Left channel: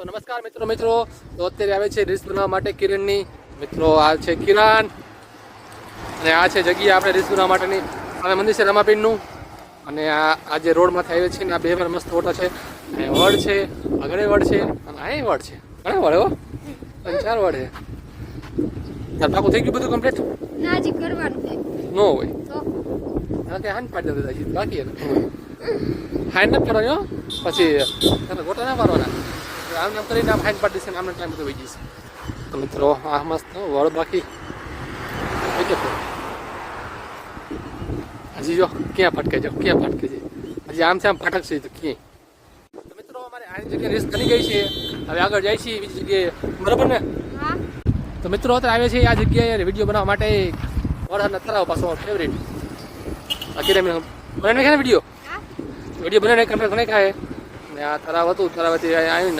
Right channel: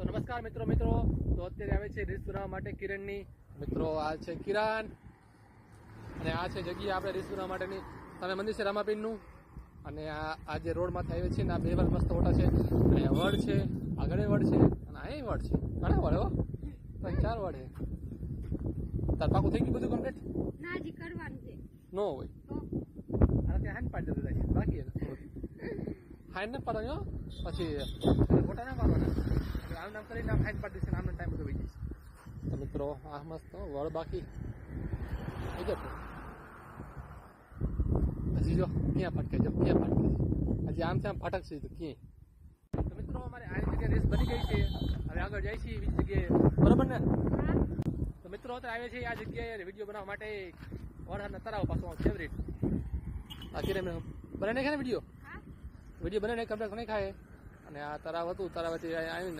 તો નમસ્કાર મિત્રો તો અત્યારે આવે છે રીલ્સ બનાવવા માટે કિરણની મિત્રો આ છે કિરણ અને આ છે જગ્યા આપણે રીલ્સ બનાવવા માટેની હવે મંદિર છે રમાપીરનું અને આ જે રોડમાંથી આવે છે ને આ બે મસ્ત ફોટા છે અને વડ છે આગળ વડ છે અને અહીં વડ છે ઘણા વડ હો 4 વડ છે તાર પાકું થઈ ગયું બધું કમ્પ્લીટ ના હજી કરવાનું છે નો હોય તો હા કે હાન પાડી દેતા હજી બાકી હાઈન ન કરવાનો પછી તમે ગોટા ના મારવાના આમ નામ કરીને આમ હાઈન પાડી દેશે આમને ટાઈમ બધો વહી જશે તો મિત્રો આ મસ્ત વડ બાકી હજી જો ક્યાં ફટકે છે હજી આમ છે આમ ફટક છે તો ક્યાંય તો મિત્રો અમારે આ જગ્યાએ રેસ બની ગઈ છે હવે આગળ જાય છે બીજી જગ્યાએ બરોબર ને હા તો મિત્રો અત્યારે આવે છે આ જગ્યાએ વિડીયો બનાવવા માટે વરસાદના તરાવ પાછો ફેવરેટ આખી બનાવીને ખાય ને વિડીયો બનાવીને કમ્પ્લીટ બનાવી ખાય ને આ તરાવ હતું તરાવથી આવીને